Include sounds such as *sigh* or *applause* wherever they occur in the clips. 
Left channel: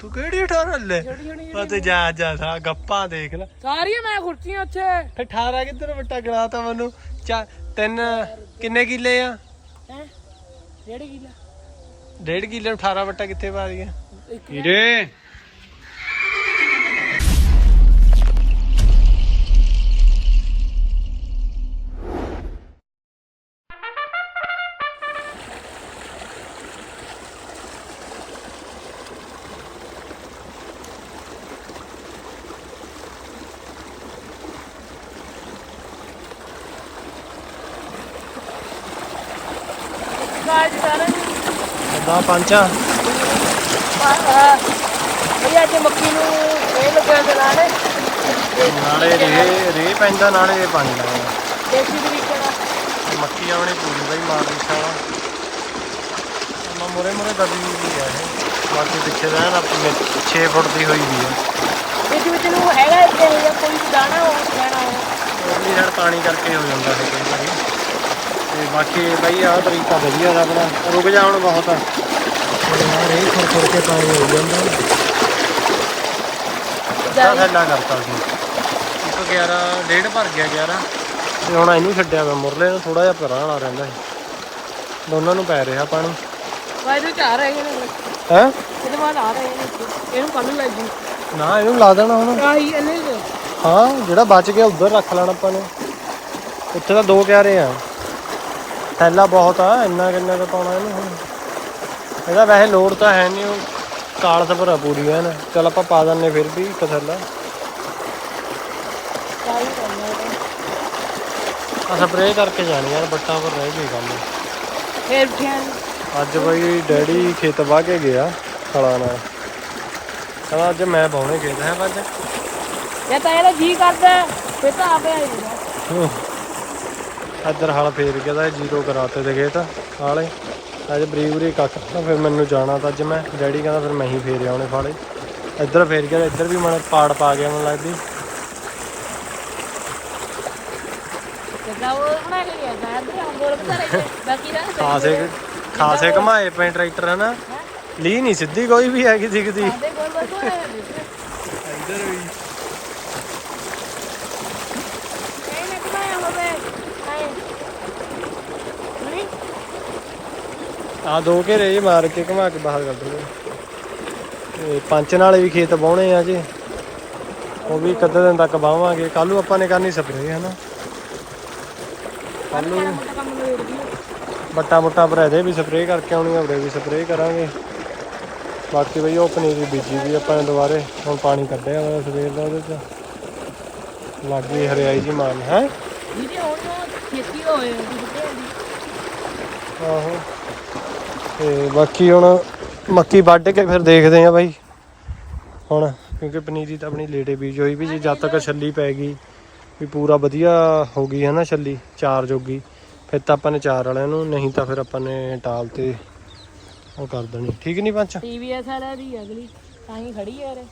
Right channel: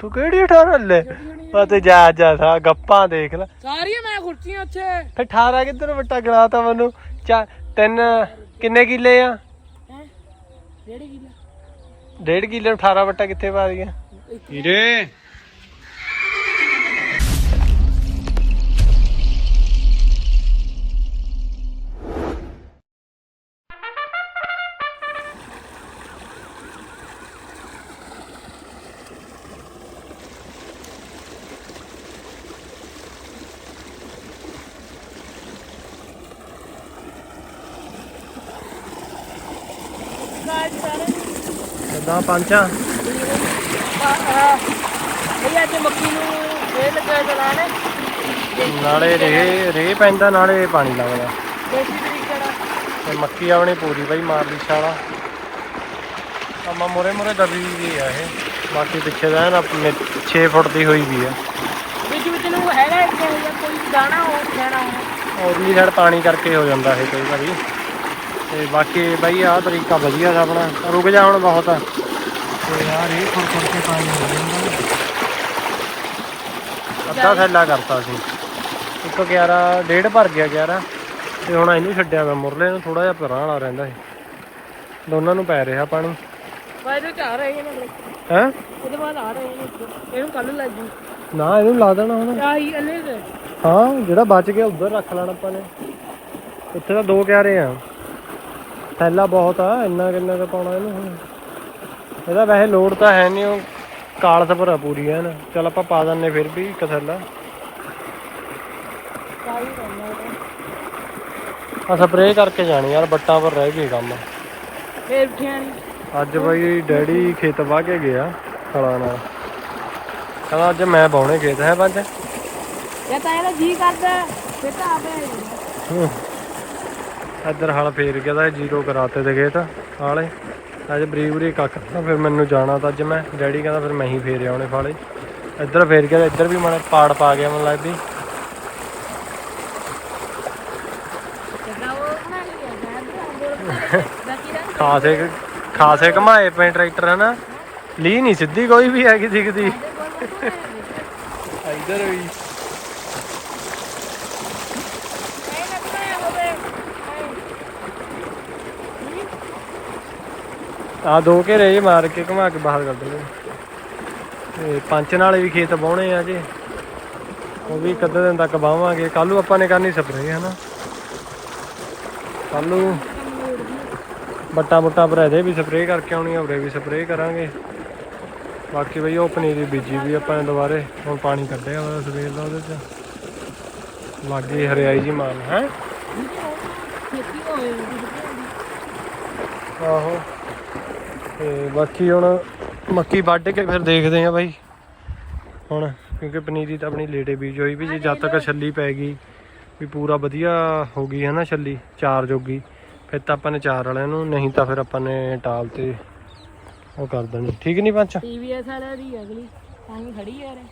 ਤੂੰ ਕਿਹੜੀ 18 ਲੈ? ਆ ਤੇ ਜਾ ਜਾ ਸਾ ਗੱਪਾਂ ਦੇਖ ਲੈ। ਸਾਰੀਆਂ ਮੈਂ ਖੁਰਚੀਆਂ ਉੱਥੇ। ਫਿਰ 18 ਕਿੱਧਰ ਵੱਟਾ ਗਣਾਤਾ ਮੈਨੂੰ? ਚਾ ਤਿੰਨ ਕਿੰਨੇ ਕਿੱਲੇ ਆ? ਹੈ? ਡੇਢ ਕਿਲਾ। ਡੇਢ ਕਿੱਲੇ ਨੂੰ 18 ਵੱਟਾ ਕਿੱਥੇ ਪਾ ਦਈਆਂ ਹੀਰੇ ਬਾਜ ਸਾਰਾ ਦਾ ਪੰਚਾ ਭਈ ਅੱਜ ਮੱਕੀ ਨੂੰ ਰੇ ਲੱਗਿਆ ਚਲਾਣੇ ਨਾਲੇ। ਰੇ ਰੇ ਪੈਂਦਾ ਨਾਲੇ ਪਾਣੀ ਲੱਗਦਾ। ਦੇਸੀ ਤਰੀਕੇ ਨਾਲ। ਮੱਕੀ ਆਪਣੀ ਪੂਰੀ ਬਾਈ ਮਾਰਦੀ ਛਾਲਾ ਅਮਾ ਮੋਰੇ ਮੋਰੇ ਦਬੀ ਵੀ ਆ ਇਹ। ਬਾਕੀ ਪਿੱਛੇ ਦਾ ਨਾ 6 ਫੁੱਟ ਦੀ ਹੋਈ ਵੀ ਆ। ਵਿੱਚ ਵਿੱਚ ਨੂੰ ਹੈਗਾ ਇੱਥੇ ਜਾਂ ਕੋਈ ਦਾਣਾ ਹੋ ਜਾਣਾ ਹੋ। ਉਰਲੀ ਸਾਈਡ ਪਾਣੀ ਕਰਕੇ ਹੋ ਜਾਂਦਾ ਇਹ ਕਈ ਵਾਰੀ। ਤੇ ਬਾਕੀ ਬਾਈ ਆਹ ਤਰੀਕਾ ਵਧੀਆ ਦਾ ਆਪਣਾ। ਰੁਕ ਜਾ ਹੁਣ ਬਹੁਤ। ਆ ਤੇ ਯਾਰ ਇਹ ਖੁਰ ਖੁਰ ਕੇ ਪਾਣੀ ਹੋ ਜਾਂਦਾ। ਅੱਧਾ ਥੈਲਾ ਕਰਤਾ ਸੀ। ਇੱਕ 11 ਡੇਢ ਭਰ ਗਿਆ 11 ਤੇ ਹੁਣ ਇਹਨੂੰ ਛੱਡਿਆ ਵਾ ਮੁਰਲੇ ਨੂੰ ਥੋੜਾ ਜਿਹਾ ਪਰਾਂ ਵਾਲਾ ਰਹਿੰਦਾ ਸੀ। ਦੋਨਾਂ ਨੂੰ ਪੈ ਰਿਹਾ ਪਾਣੀ। ਚਾਰ ਨੇ। ਹੈ? ਇਹਦੇ ਬਾਅਦ ਆ ਰਹੇ ਨੇ। ਇਹਨੂੰ ਕੰਨ ਲੱਗ ਜੀ। ਨਾ ਇਹਨੂੰ ਲਾ ਦੇਣਾ ਹੁਣ। ਆਹੀ ਇਹਨੇ ਕੁ। ਹਾਂ ਜਿਹੜਾ ਬਚ ਗਿਆ ਉਧਰ ਰੱਖ ਲੈਣਾ ਆਪਾਂ ਨੇ। ਉੱਥੇ ਤਾਂ ਦੋ ਕਿਆਰੇ ਆ। ਥੈਲਾ ਬਹੁਤ ਆ ਇੰਨਾ ਕਿੰਨਾ ਕੁ ਪਾਉਣਾ ਇਹਨੂੰ ਹੁਣ। ਇਹਦਾ ਵੈਸੇ ਲੋਡ ਤਾਂ ਹੈ ਨਹੀਂ ਉਹ ਕਾਲਸ ਭਰਾ ਪੂਰੀ ਐ ਨਾ ਚਲ ਆਪਾਂ ਪਾ ਦਿੰਨੇ ਫਿਰ ਵੀ ਇੱਕ ਥੈਲਾ। ਆ ਸਪਰੇਅ ਕਰਕੇ ਜਾਣੀ ਯਾਰ ਬੱਟਾਂ ਪਰ ਰਹਿ ਗਏ ਕੰਮ। ਫੇਰ। ਅੱਜ ਬਈ ਡੈਡੀ ਖੇਤ ਵਾਹ ਕੇ ਗਿਆ ਹਲਾਂ ਨਾਲ। ਕਹਿੰਦਾ ਅੱਜ ਮੈਂ ਬਾਉਣੇ ਖੇਤ ਹੈ ਪੰਜ ਜੇ ਤਾਂ ਇਹਦਾ ਜੀ ਕਰਦਾ ਫੇਰ ਤਾਂ ਆਪੇ ਆ ਜਾਂਦਾ *laughs* ਇੱਧਰ ਹਲ ਫੇਰ ਗਿਆ ਤਾਂ ਜੀਰੋ ਕਰਾਤੇ ਤੇ ਖੇਤ ਹਾਲੇ। ਅੱਜ ਬਰੀ ਕੱਖ ਤਾਂ, ਫਿਰ ਮੈਨੂੰ ਜਾਣਾ ਤਾਂ ਅੱਜ ਮੈਂ। ਡੈਡੀ ਕਹਿੰਦਾ ਫਿਰ ਮੈਂ ਹੀ ਫੇਰ ਆਉਣੇ ਫਾਲੇ। ਇੱਧਰ ਫੇਰ ਗਿਆ, ਇੱਧਰ ਵੀ ਮਨ ਪਾੜ ਪਾ ਗਿਆ ਮੈਨੂੰ ਲੱਗਦੀ। ਖਾਸੇ ਖਾਸੇ ਘਮਾਏ ਪਏ ਟਰੈਕਟਰ, ਹਨਾ? ਲੀ ਨਹੀਂ ਸਿੱਧੀ ਕੋਈ ਵੀ ਹੈਗੀ ਦਿਖਦੀ। ਇੱਧਰ ਵੀ। ਆ ਦੋ ਘੇਰੇ ਜਿਹੇ ਮਾਰ ਕੇ ਘੁਮਾ ਕੇ ਬਾਹਰ ਕੱਢ ਲਏ। ਤੇ ਪੰਚ ਨਾਲੇ ਵੀ ਖੇਤ ਬਾਉਣੇ ਆ ਜੀ। ਉਹ ਵੀ ਅੱਧੇ ਦਿਨ ਤੱਕ ਬਾਵਾਂਗੇ ਕੱਲ ਨੂੰ ਆਪਾਂ ਨੇ ਕਰਨੀ ਸਪਰੇਅ ਹਨਾ ਕੱਲ ਨੂੰ ਬੱਟਾ ਬੁੱਟਾ ਪਰ ਇਹਦੇ ਵੀ ਸਪਰੇਅ ਕਰਕੇ ਆਉਣੀ ਆ ਵੀ ਸਪਰੇਅ ਕਰਾਂਗੇ। ਬਾਕੀ ਬਈ ਉਹ ਪਨੀਰੀ ਬੀਜੀ ਵੀ ਆਪਾਂ ਨੇ ਦੁਬਾਰੇ ਹੁਣ ਪਾਣੀ ਕੱਢਿਆ ਵਾ ਸਵੇਰ ਦਾ ਉਹਦੇ ਚ। ਲੱਗੀ ਹਰਿਆਈ ਜੀ ਮਾਰਨ ਹੈ? ਆਹੋ। ਤੇ ਬਾਕੀ ਹੁਣ ਮੱਕੀ ਵੱਢ ਕੇ ਫਿਰ ਦੇਖਦੇ ਆ ਬਾਈ। ਹੁਣ ਕਿਉਂਕਿ ਪਨੀਰੀ ਤਾਂ ਆਪਣੀ ਲੇਟੇ ਬੀਜ ਹੋਈ ਵੀ ਸੀ, ਜਦ ਤੱਕ ਛੱਲੀ ਪੈ ਗਈ ਵੀ ਪੂਰਾ ਵਧੀਆ ਹੋ ਗਈ ਹੈ ਨਾ ਛੱਲੀ ਚਾਰ ਜੋਗੀ। ਫਿਰ ਤਾਂ ਆਪਾਂ ਨੇ ਚਾਰ ਵਾਲਿਆਂ ਨੂੰ ਨਹੀਂ ਤਾਂ ਫਿਰ ਆਪਾਂ ਨੇ ਟਾਲ ਤੇ ਉਹ ਕਰ ਦੇਣੀ। ਠੀਕ ਨਹੀਂ ਪੰਚ? ਟੀਵੀਐਸ ਵਾਲਾ ਦੀ ਅਗਲੀ ਤਾਂ ਹੀ ਖੜੀ ਹੈ ਰੇ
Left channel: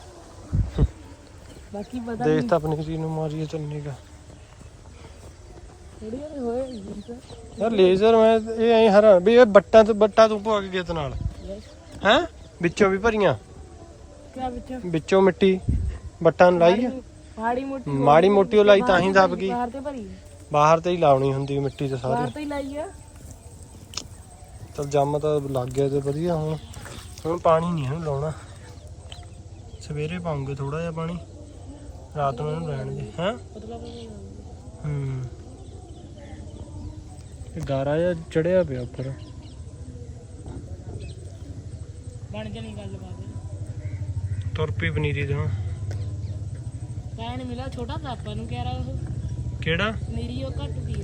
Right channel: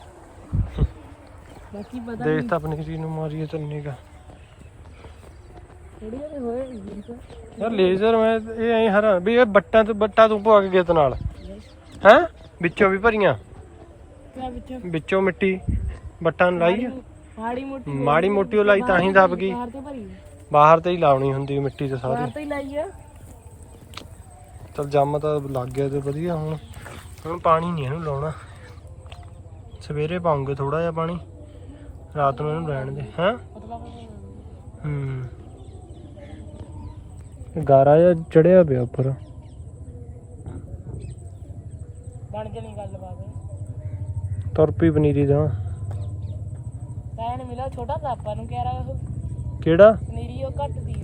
ਬਾਕੀ ਪਤਾ ਨਹੀਂ। ਦੇਖ ਤਾਂ ਪਨੀਰੀ ਨੂੰ ਮਾਰੀਏ ਚੰਨੀ ਹੋਏ ਯਾਰ ਲੇਜ਼ਰ ਮੈਂ ਇਹ ਐਂ ਹਰਾ ਵੀ ਇਹ ਬੱਟਾਂ ਤੋਂ ਬੱਟਾ ਤੂੰ ਪਵਾ ਕੇ ਗੇਤ ਨਾਲ। ਹੈ? ਵਿੱਚੋਂ ਵੀ ਭਰੀਆਂ। ਕਿਆ ਵਿੱਚ? ਵਿੱਚੋਂ ਮਿੱਟੀ। ਬੱਟਾਂ ਨੂੰ ਲਾਈ ਆ। ਮਾੜੀ ਮੋਟੀ ਮਾੜੀ ਮੋਟੀ ਉਹ ਲਾਈ ਤਾਂ ਹੀ ਦਬ ਗਈ। ਬਾਹਰ ਤੇ ਭਰੀ। ਬਾਹਰ ਤੇ ਹੀ ਲਾਉਣੀ ਹੁੰਦੀ ਮਿੱਟੀ ਤੇ ਬਾਹਰ ਸਾਰੀ ਤੇ ਹੀ ਲਾਈ ਆ। ਚਲ ਜੰਮ ਤਾਂ ਲੱਗ ਗਿਆ ਤੇ ਵਧੀਆ ਹੁਣ। ਹੁਣ ਪਾਣੀ ਨਹੀਂ ਇਹਨੂੰ ਲਾਉਣਾ। ਸਵੇਰੇ ਪਾਉਂਗੇ ਥੋੜਾ ਜਿਹਾ ਪਾਣੀ। ਰਾਤ ਨੂੰ ਇਹਨੂੰ ਰਹਿਣ ਦੇ। ਹੈ? ਮਤਲਬ ਹੂੰ। ਗਾਰਾ ਜਿਹਾ ਚੜਿਆ ਪਿਆ ਉੱਪਰ। ਬਣ ਜਣੀ ਗੱਲ ਬਾਤ ਤੁਰ ਪਈ ਪਨੀਰੀ ਦਾ ਕਹਿਣ ਮਿਲਿਆ ਛੋਟਾ ਆਪਾਂ ਨੂੰ ਕਹਿ ਰਹਾ ਉਹ। ਕਿਹੜਾ? ਨੀਰੀ ਉਹ ਘੱਟ ਦੀ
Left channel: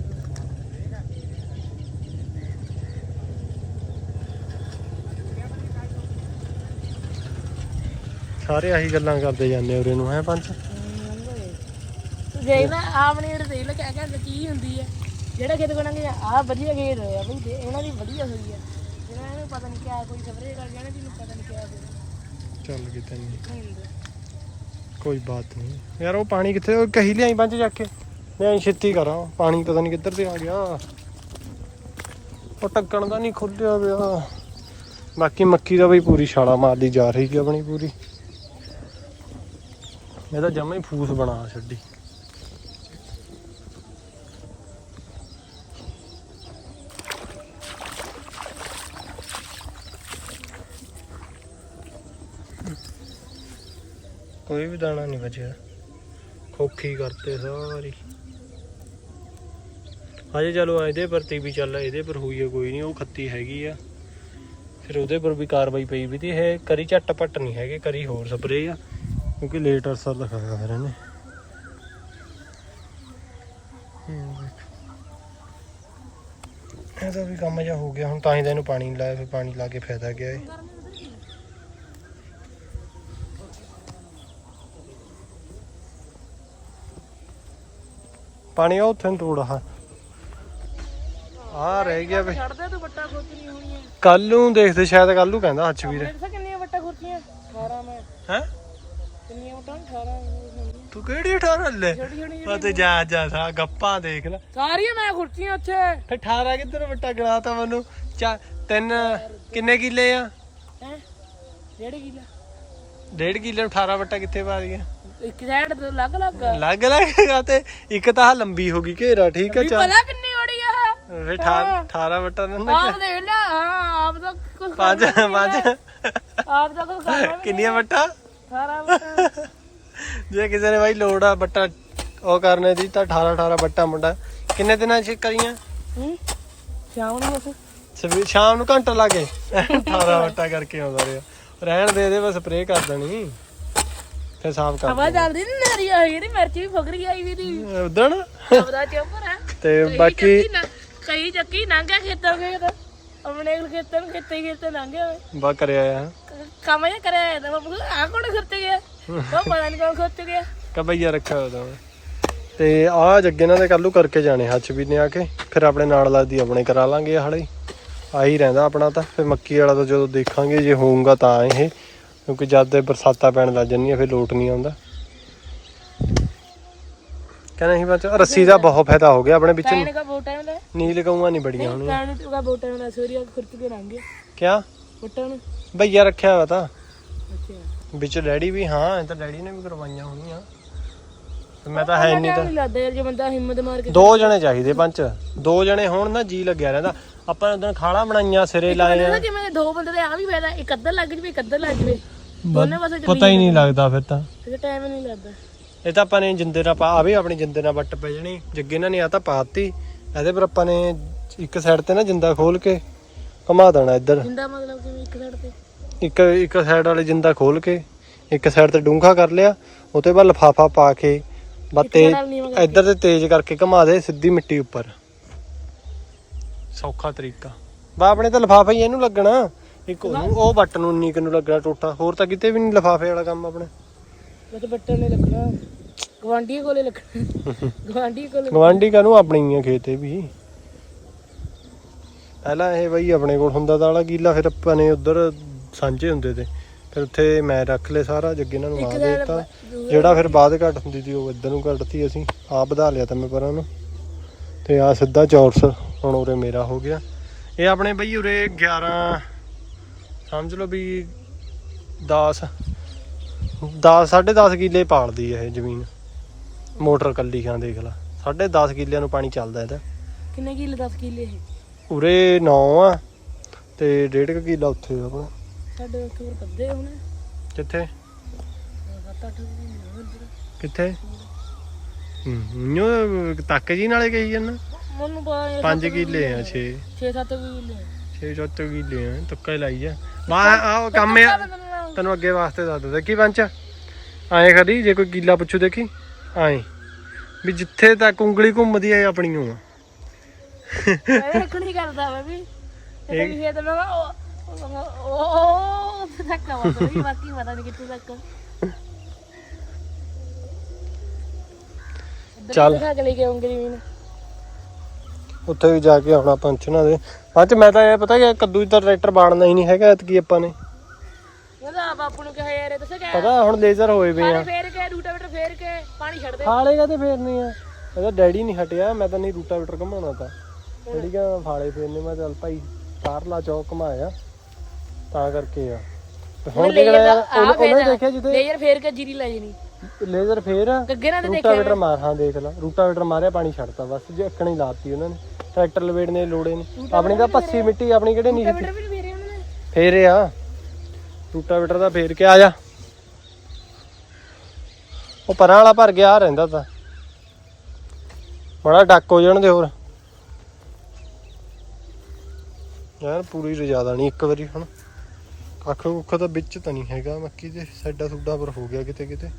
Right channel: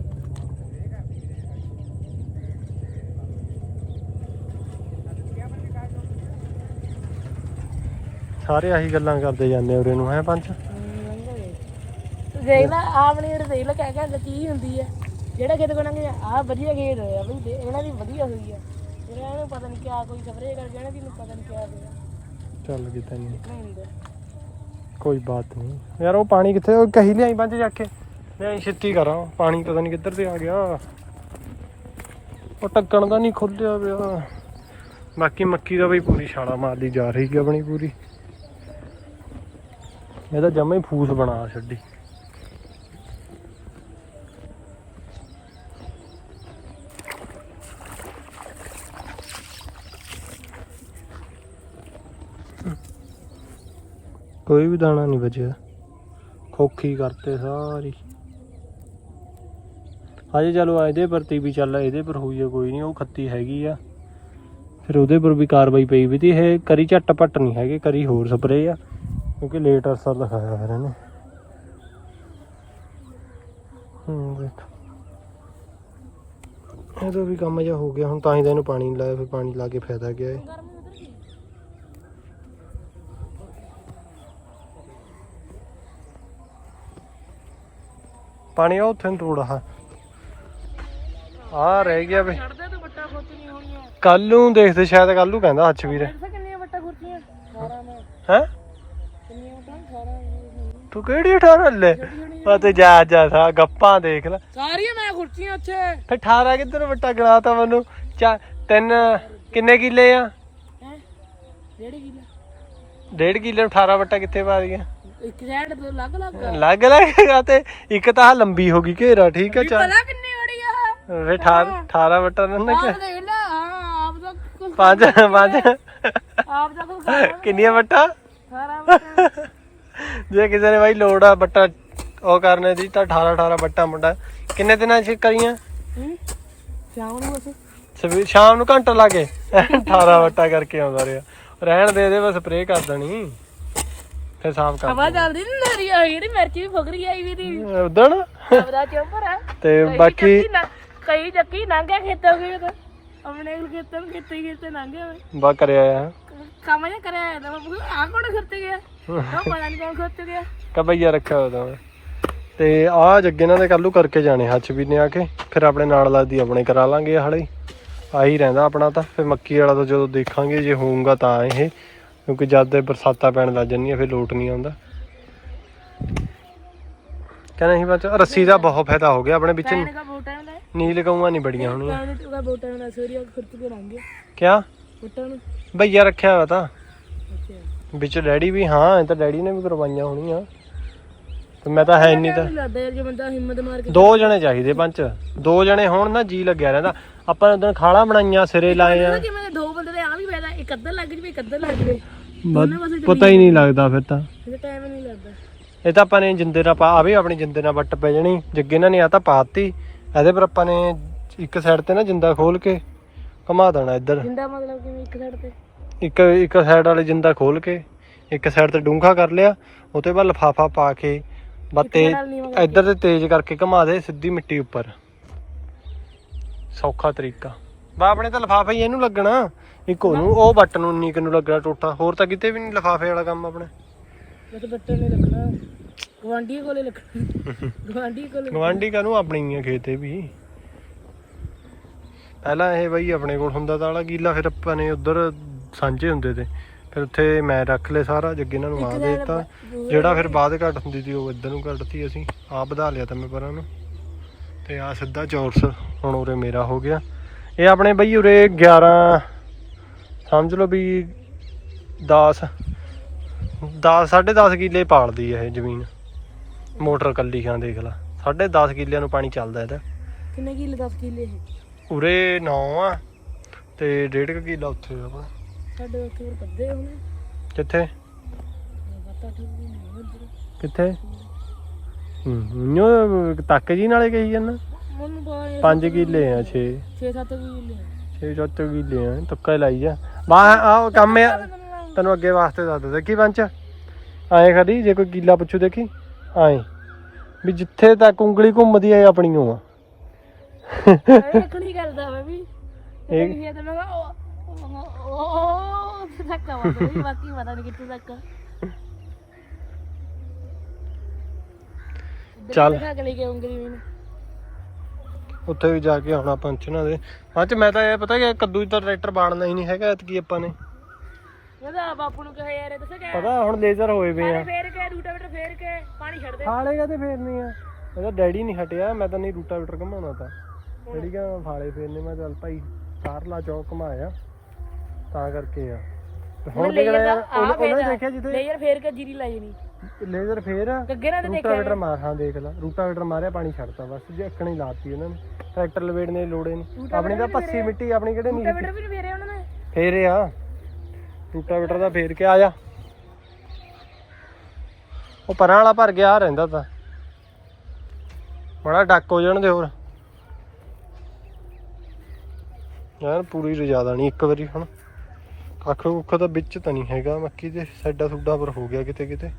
ਸਾਰੇ ਆਹੀ ਗੱਲਾਂ ਕਰਦੇ ਜਾਂਦੇ ਉਰੇ ਨੂੰ ਹੈ ਪੰਚ ਤੂੰ ਦੇਖ ਲੈ ਆਪਣੀ ਇਹ ਦੇਖ ਲੈ ਕਿਆ ਕਿਆ ਕੀ ਹੁੰਦੀ ਹੈ ਜਿਹੜਾ ਖੇਤ ਕੋਣਾਂਗੇ ਆ ਵਧੀਆ ਖੇਤ ਹੋਇਆ ਬਈ ਇਹਨਾਂ ਦੀ ਵਧੀਆ ਹੋਈ ਹੈ ਇਹਨਾਂ ਨੂੰ ਪਤਾ ਨਹੀਂ ਕਿਆ ਕੋਈ ਸਪਰੇਅ ਕਰ ਜਾਣਾ ਜਿਹਨੂੰ ਪਤਾ ਨਹੀਂ ਕਿਆ ਚੱਲ ਕਿਤੇ ਨਹੀਂ ਨਹੀਂ ਹੁੰਦਾ? ਕੋਈ ਬਾਤ ਨਹੀਂ ਯਾਰ ਉਹ ਪਾਣੀ ਕਿੱਥੇ ਉਹ ਕਹੀ ਲਿਆਈ ਪੰਜ ਜਾ ਕੇ। ਲਿਆਈ ਛੇਤੀ ਕਰਾਂ ਪਾਣੀ ਪਤਾ ਨਹੀਂ ਕਿੱਧਰ ਤੇ ਆ ਗਿਆ। ਉਹ ਟੱਕਣ ਦਾ ਨਹੀਂ ਖੁੱਲਿਆ ਪਿਆ। ਬਾਕੀ ਮੱਕੀ ਦਾ ਬਈ ਪੂਰੀ ਛਾਲਾ ਮਾਰਦੀ ਜਾ ਰਹੀ ਹੈ ਆਪਣੀ ਪੂਰੀ। ਇਹਦਾ ਜਮਾ ਹੀ ਫੂਸ ਬਣਾ ਛੱਡੀ। ਕੋਈ ਵੀ ਦਾਣਾ ਨਹੀਂ ਬਚਿਆ। ਖੋਖੀ ਕਰਤੇ ਸਾਰੀ। ਹਜੇ ਚਲੋ ਇਹਦੇ ਪ੍ਰਤੀ ਵੀ ਚੱਲ, ਇਹਦੇ ਪਰ ਹੋਈ ਹੈ ਕੋਈ ਨਹੀਂ ਉਹ ਖੱਤੀ ਹੈਗੀ ਆ। ਫਿਰ ਉਹਦੇ ਪਰ ਵੀ ਕਾਰਵਾਈ ਪਈ ਵੀ ਤੀ, ਇਹ ਕਰੀ ਝੱਟ ਪੱਟ ਨਹੀਂ ਹੈਗੇ, ਕਰੀ ਹੋਰ ਸਪਰੇ ਆ, ਕਿਉਂਕਿ ਲੇਟ ਅਸਰ ਦਿਖਾਇਆ ਫਿਰ ਇਹਨੇ। ਇਹਦਾ ਵੀ ਕੰਮ ਜਿਹਾ ਹੋ ਗਿਆ, ਹੁਣ ਤਾਂ ਹੀ ਤਾਂ ਇਹਨੂੰ ਪਾਣੀ ਨੀ ਲਾਇਆ, ਫਿਰ ਪਾਣੀ ਲਾ ਕੇ ਫਾਇਦਾ ਗਿਆ ਏ। ਪਾਣੀ ਉਹ ਉੱਥੇ ਨੂੰ ਤੋੜਾ ਆ ਰਹਿ ਗਿਆ ਬਈ ਛੱਡਦੇ ਤੂੰ ਵੱਟਾ ਖੋਤਣੀ ਹੋਣੀ ਆ ਕੱਲ ਨੂੰ ਦੇਖਦੇ ਸ਼ਾਇਦ ਕੱਲ ਨੂੰ ਕਹਿੰਦਾ ਹੱਚ ਵੀਰ। ਦੇਖਦਾ ਕਿੰਨੀਆਂ ਵੱਟਾ ਖੋਤੀਆਂ 18 ਮੈਂ। ਹੈ? ਕਿੰਨੀਆਂ ਵੱਟਾਂ? 18 ਤੂੰ ਕਿਹੜੀ 18 ਲੈ? ਆ ਤੇ ਜਾ ਜਾ ਸਾ ਗੱਪਾਂ ਦੇਖ ਲੈ। ਸਾਰੀਆਂ ਮੈਂ ਖੁਰਚੀਆਂ ਉੱਥੇ। ਫਿਰ 18 ਕਿੱਧਰ ਵੱਟਾ ਗਣਾਤਾ ਮੈਨੂੰ? ਚਾ ਤਿੰਨ ਕਿੰਨੇ ਕਿੱਲੇ ਆ? ਹੈ? ਡੇਢ ਕਿਲਾ। ਡੇਢ ਕਿੱਲੇ ਨੂੰ 18 ਵੱਟਾ ਕਿੱਥੇ ਪਾ ਦੀਆਂ ਇੱਕ ਸਾਈਡ ਤੇ ਲੱਗ ਲੱਗ ਲੱਗ ਲੱਗੇਗਾ ਤੇ ਇੱਕ ਤਾਂ ਆਹ ਲੰਬੀ ਹੋ ਗਈ ਘੇਰਾ ਠੀਕ ਆ ਚੱਲ ਪਤਾ ਕਿੰਨੀ ਬੜੀ ਆ। ਫਿਰ 18 18 ਵੱਟਾ ਨਾ ਆਪ ਦੇਖ ਲੈ ਹਾਂ ਆਪ ਦਾ ਪੰਜ ਪੰਜ ਆਪ ਦਾ ਕੁਛ ਖਾਣਾ ਕਿੰਨੀਆਂ ਵੱਟਾ? ਸਾਰਾ ਜੇ ਕਿਸੇ ਨੇ ਬਾਈ ਲੋੜ ਆ ਬੱਟਾ ਉਹ ਕਰਨੇ ਦੀ ਤਾਂ 18 18 ਬੱਟਾ ਮੁੰਡਾ। ਕਿੰਨੇ ਦਿਨਾਂ ਚ ਕਰੀਆਂ? ਹੂੰ? ਸ਼ਾਮ ਨੂੰ ਅਸੀਂ। ਸਵੇ ਸ਼ਾਮ ਨੂੰ ਘੰਟਾ ਲਾ ਕੇ। 18 ਵੱਟਾ ਕਰਕੇ ਆਉਂਦਾ ਰਿਹਾ। ਰਹਿਣ ਦੇ ਦੇ ਬਸ ਸਪਰੇਅ ਕਰ ਦੇਣੀ। ਫਿਰ ਸਾਫ਼ ਕਰ ਹਵਾ ਚੱਲਦੀ ਨੀ ਨਰੀ ਆਈ ਜਿਹੜੀ ਮਿਰਚ ਵੀ ਫੁਕਰੀ ਆਈ ਵੀ ਦੀ ਉਦਣ? ਆਪਦਾ ਚੁੱਪ ਰਾ ਤੇ ਬਾਕੀ ਕਈ ਚੱਕੀ ਲੰਘਿਆ ਖੇਤਰ ਖੇਤ ਆਪਣੇ ਕੋਲ ਖੇਤਰ ਨੂੰ ਖੇਤੇ ਹੀ ਖੇਤੇ ਹੋਇਆ। ਬਾ ਕਰਿਆ ਆ। ਕੰਮ ਜਿਹਾ ਕਰਿਆ ਹੋਇਆ ਤਾਂ ਮੈਂ ਆ ਕੋਣ ਖਰਚ ਗਿਆ? ਉਹ ਪਤਾ ਨਹੀਂ ਕੌਣ ਸੋਚ ਗਿਆ। ਕਬਈਆ ਰੱਖਿਆ ਹੋਇਆ ਤਾਂ। ਤੇ ਆ ਜੱਗੇ ਨਾਲ ਦੇ ਕੱਲੂ ਕਰਕੇ ਜਾਣੇ ਹੱਚ ਵੀ ਨੇ ਆ ਕੇ। ਫਿਰ ਆਪਣੇ ਨਾਲ ਲੱਗਦੀ ਆਪਣੇ ਕਰਾ ਲਾਂਗੇ ਹਾਲੇ ਆਹੀ ਰਹਿੰਦਾ ਆਪਣਾ ਤਾਂ। ਫਿਰ ਮੱਕੀ ਵਾਲਾ ਤਾਂ ਜਦੋਂ ਦੇਖਾਂਗੇ ਜੇ ਹੋਊਗਾ ਤਾਂ ਇਹ। ਕਿਉਂਕਿ ਜਦ ਦੇ ਬਰਸਾਤਾਂ ਪੈਣ ਲੱਗ ਜਾਂਦੀਆਂ ਫਿਰ ਲੋਟ ਨਹੀਂ ਆਉਂਦਾ। ਕਹਿੰਦਾ ਸੀ ਬੱਚ ਰੱਸੀ ਦਾ ਬਹੁਤ ਫਾਇਦਾ ਹੋ ਗਿਆ ਆਪਣੇ ਵਿੱਚ ਪਾਣੀ ਦਾ ਬੋਟਾਂ ਦਾ ਨੀਲ ਗਊਆਂ ਨਹੀਂ ਬੜੀਆਂ ਹੋਣੀਆਂ ਪਾਣੀ ਦਾ ਬੋਟਾਂ ਦਾ ਸੋਰੀਆ ਖਰਚ ਕੇ ਲੰਘੇ ਕਿਆ? ਬੋਟਾਂ ਨੂੰ। ਭਈਆ ਰੱਖਿਆ ਹੋਇਆ ਤਾਂ। ਅੱਛਾ। ਵਿੱਚ ਡੈਡੀ ਵੀ ਹਾਂ ਇਹ ਤਾਂ ਡੈਡੀ ਨੇ ਵੀ ਕਰਵਾਈਆਂ ਹੋਣੀਆਂ ਤੇ ਮੈਂ ਤਾਂ ਹੈ ਨਹੀਂ ਤਾਂ। ਨਹੀਂ ਲੱਗਦਾ ਯਾਰ ਜੇ ਬੰਦਾ ਹਿੰਮਤ ਮਾਰ ਕੇ ਦੋ ਜਣੇ ਚਾਹੀਦੇ ਪੰਜ। ਦੋ ਜਣੇ ਹੋਣ ਨਾ ਜੀ ਲੱਗਿਆ ਰਹਿੰਦਾ। ਆਪਾਂ ਨੇ ਉਦੋਂ ਖਾਲਾ ਬਣਾਈਆਂ ਸਿਰੇ ਲਾਏ ਆ। ਪਤਾ ਕਿਵੇਂ ਦੋ ਬੰਦੇ ਦੇ ਆ ਵੀ ਫਾਇਦਾ ਇੱਕ ਅੱਧਰ ਲੱਗ ਜਵੇ ਇੱਕ ਅੱਧਰ ਲੱਗ ਜਵੇ। ਦੋਨੇ ਪਾਸੇ ਪਤਾ ਹੀ ਨਹੀਂ ਲੱਗਦਾ ਫਿਰ ਤਾਂ। ਤੇ ਟਾਈਮ ਨਹੀਂ ਲੱਗਦਾ। ਇਹ ਤਾਂ ਆਪਾਂ ਨੇ ਜਿੰਦੇ ਨਾਲ ਪਾ ਆਵੇ ਆਪਣੀ ਜਿੰਦੇ ਨਾਲ ਵੱਟ ਪੈ ਜਾਣੀ। ਜੱਗੇ ਇਹਨਾਂ ਨੇ ਆ ਤਾਂ ਪਾਤੀ। ਇਹਦੇ ਪਰ ਆਪਾਂ ਨੇ ਇੱਕ ਸਾਈਡ ਤੇ ਨਾ ਜਿੰਦਾ ਖੋਲ ਕੇ ਘੁਮਾ ਦੇਣਾ ਇੱਧਰ। ਜਿੰਦਾ ਮਤਲਬ ਕਿਵੇਂ ਇੱਕ ਸਾਈਡ ਤੇ। ਇੱਕ ਇੱਕ ਸਾਈਡ ਵਾਲੇ ਜਿੰਦਾ ਖੋਲ ਕੇ ਇੱਕ ਸਾਈਡ ਤੇ ਡੂੰਘਾ ਕਰ ਲਿਆ। ਉਤੇ ਬਾਅਦ ਲਫਾਫਾ ਪਾ ਕੇ ਨੀਵਾਂ ਇੱਧਰ ਤੇ ਤੇਜ਼ ਕਰਕੇ ਘੁਮਾ ਦੇ ਸਿੱਧੀ ਮਿੱਟੀ ਉੱਪਰ। ਸੌਖਾ ਤਰੀਕਾ। ਬਾ ਆਪਣੇ ਤਾਂ ਲਫਾਫਾ ਹੀ ਇਹਨੂੰ ਲੱਗਣਾ। ਇੱਕ ਉਹਨੂੰ ਉਹ ਬੱਟ ਨੂੰ ਉਨੀ ਕੁ ਨੂੰ ਲੱਗਣਾ ਟੋਟਾ। ਹੋਰ ਤਾਂ ਕਿਤੇ ਵੀ ਨਹੀਂ ਲਫਾਫੇ ਵਾਲਾ ਕੰਮ ਆਪਣੇ। ਬਸ ਬੱਟੇ ਨੇ ਲੱਗਣਾ ਗਵਾਂਢੀ ਕੋਲੇ ਲੱਗਣਾ ਗਵਾਂਢੀ ਕੋਲੇ ਗਵਾਂਢੀ ਕਾਹਨੂੰ ਆਪਣੀ ਹੀ ਆ ਖੇਤੇ ਵੀ? ਪਹਿਲਾਂ ਇਹ ਬਈ ਆਪਣੇ ਕੋਲ ਹੁੰਦਾ ਤਾਂ ਵਾਲਾ ਕੀਲਾ ਫਿਰ ਆਪਾਂ ਨੇ ਉਧਰ ਸਾਂਝੇ ਹੁੰਦੇ ਤੇ। ਫਿਰ ਉੱਥੇ ਮੈਂ ਰੱਖ ਲਏ ਸਾਰਾ ਜੱਗੇ ਇਹਨਾਂ ਨੂੰ ਆ ਦੇ ਦਿੱਤਾ। ਜਿਹੜਾ ਫਿਰ ਬਾਅਦ ਘਟ ਹੁੰਦੀ ਸੀ ਉਹ ਇੱਧਰ ਨੂੰ ਘਟਤੀ ਅਸੀਂ। ਆਪ ਵਧਾ ਲਿਆ ਤਾਂ ਮੈਂ ਪਰਾਂ ਨੂੰ। ਤੇ ਆ ਸਿੱਧਾ ਚੌਰਸ। ਹੁਣ ਉਰੇ ਮੇਰਾ ਹੋ ਗਿਆ। ਇਹ ਆਪਣੇ ਬਈ ਉਰੇ 11 ਸਮਝ ਲਓ ਵੀ 10 10 10.5 ਕਿੱਲੇ ਪਾਲਦੀ ਹੈ ਇਹ ਜ਼ਮੀਨ। ਮੋਟਰ ਕੱਲੀ ਖਾਂ ਦੇਖ ਲਾ। 10.5 ਕਿੱਲਿਆਂ ਨੂੰ ਪਾਣੀ ਚੱਲਦਾ ਇਹਦਾ। ਕਿੰਨੇ ਕਿੱਲੇ 10 ਕਿੱਲੇ ਇਹ? ਉਰੇ 9 ਆ ਤੇ 1.5 ਕਿੱਲਾ ਉੱਥੇ ਆ ਆਪਣਾ। ਸਾਡੇ ਇੱਕ ਵਾਰ ਕੱਦੇ ਹੁਣ। ਕਿੱਥੇ? 7-8 ਕਿੱਲੇ ਉਧਰ ਕਿੱਥੇ? ਹੂੰ ਨਿਓ ਤੱਕ ਜੀ ਨਾਲੇ ਕਹੀ ਜਾਂਦਾ। ਮੈਨੂੰ ਪਤਾ 5 ਕਿੱਲੇ ਆ 6 6-7 ਕਿੱਲੇ 6 7 ਕਿੱਲੇ ਆ ਤੁੱਕਾ ਲਾਈ ਜਾ ਬਾ ਆ ਕੰਮ ਆ। ਤੈਨੂੰ ਅੱਗੇ ਵਾਸਤੇ ਦੱਸ ਦਿੱਤਾ ਕੀ ਪੰਚ ਐਂ ਕਰੀ ਜੇ ਕੋਈ ਕੀਲਾ ਪੁੱਛੂ ਦੇਖੀ ਐਂ ਵੀ ਜਿੱਥੇ ਤੱਕ ਉਂਗਲੀ ਘੁੰਮਦੀ ਆਪਣੀ ਓ ਆ। ਇੱਕ ਨਹੀਂ ਕਰਦਾ ਮੈਂ ਵੀ। ਇਹ ਤਾਂ ਮੈਂ ਕਿਹਾ ਉਹ ਉਹ ਉਹ ਤੱਕ ਆ ਬਾਕੀ ਬਾਕੀ ਪਤਾ ਨਹੀਂ ਕਿੱਥੇ ਤੱਕ ਚੱਲ। ਕੇ ਉੱਥੇ ਵੀ ਜਾ ਕੇ ਆਉਣਾ ਪੰਚਣਾ ਦੇ। ਬਾਅਦ ਚ ਮੈਂ ਤਾਂ ਇਹ ਪਤਾ ਕਿ ਕੱਦੂ ਦਾ ਟਰੈਕਟਰ ਬਾਣਨਾ ਹੀ ਨਹੀਂ ਹੈਗਾ ਐਤਕੀ ਆਪਾਂ ਨੇ। ਉਹਦਾ ਬਾਪੂ ਨੂੰ ਕਿਹਾ ਯਾਰ ਇਹ ਦੱਸੇ ਕਿ ਪਤਾ ਹੁਣ ਲੇਜ਼ਰ ਹੋਏ ਵੇ ਆ। ਫੇਰ ਕੇ ਰੂਟਾਵੇਟਰ ਫੇਰ ਕੇ ਪਾਣੀ ਛੱਡ ਦੇ। ਫਾਲੇ ਕਦੇ ਫੇਰਨੇ ਆ? ਇਹਦਾ ਡੈਡੀ ਨਹੀਂ ਹਟਿਆ ਮੈਂ ਤਾਂ ਨਹੀਂ ਰੂਟਾਵੇਟਰ ਘਮਾਉਣਾ ਤਾਂ। ਡੈਡੀ ਕਹਿੰਦਾ ਫਾਲੇ ਫੇਰਨੇ ਮੈਂ ਚੱਲ ਭਾਈ ਚਾਰ ਲਾ ਚੌਕ ਘਮਾਇਆ। ਤਾਂ ਕਰਕੇ ਆ। ਹੁਣ ਯਾਰ ਉਹਨੇ ਉਹਨੇ ਦੇਖਿਆ ਜਿੱਥੇ ਲੇਜ਼ਰ ਫੇਰ ਕੇ ਜੀਰੀ ਲੈ ਜਣੀ। ਲੇਜ਼ਰ ਫੇਰ ਗੱਗੇ ਨਾਲ ਤੇ ਰੂਟਾਵੇਟਰ ਮਾਰ ਹਾਂ ਦੇਖ ਲੈ। ਰੂਟਾਵੇਟਰ ਮਾਰਿਆ ਪਾਣੀ ਛੱਡਤਾ। ਬਸ ਜੇ ਅੱਕਣੀ ਹੀ ਲਾਤੀ ਉਹਨਾਂ ਨੇ। ਟਰੈਕਟਰ ਲਵੇੜਨੇ ਦੀ ਲੋੜੇ ਨਹੀਂ ਆਪਣੀ ਤਾਂ ਪੱਸੀ ਮਿੱਟੀ ਆਪਣੀ ਕਿਹੜੇ ਨਹੀਂ ਬਟਰ ਵੀ ਫੇਰੇ ਉਹਨਾਂ ਨੇ ਫੇਰ ਆ। ਰੂਟਾਵੇਟਰ ਦਾ ਫੇਰ ਕੇ ਆ ਜਾ। ਉਹ ਪਰਾਂ ਵਾਲਾ ਭਰ ਗਿਆ ਆ ਰਹਿੰਦਾ ਤਾਂ। ਬੜਾ ਡੱਕ ਹੋ ਜਾਣ ਦੇ ਹੋਰ। ਯਾਰ ਪੂਰੀ ਰਜਾਦਾ ਨਹੀਂ ਇੱਕ ਵਾਰੀ ਹੁਣ। ਕੱਖ ਕੁੱਖ ਤਾਂ ਵਿੱਚ ਤਾਂ ਨਹੀਂ ਹੈਗਾ ਮੱਕੀ ਦੇ ਸਾਈਡਾਂ ਸੁੱਡਾ ਪਰ ਹੋ ਗਿਆ ਕਿਤੇ ਕਿਤੇ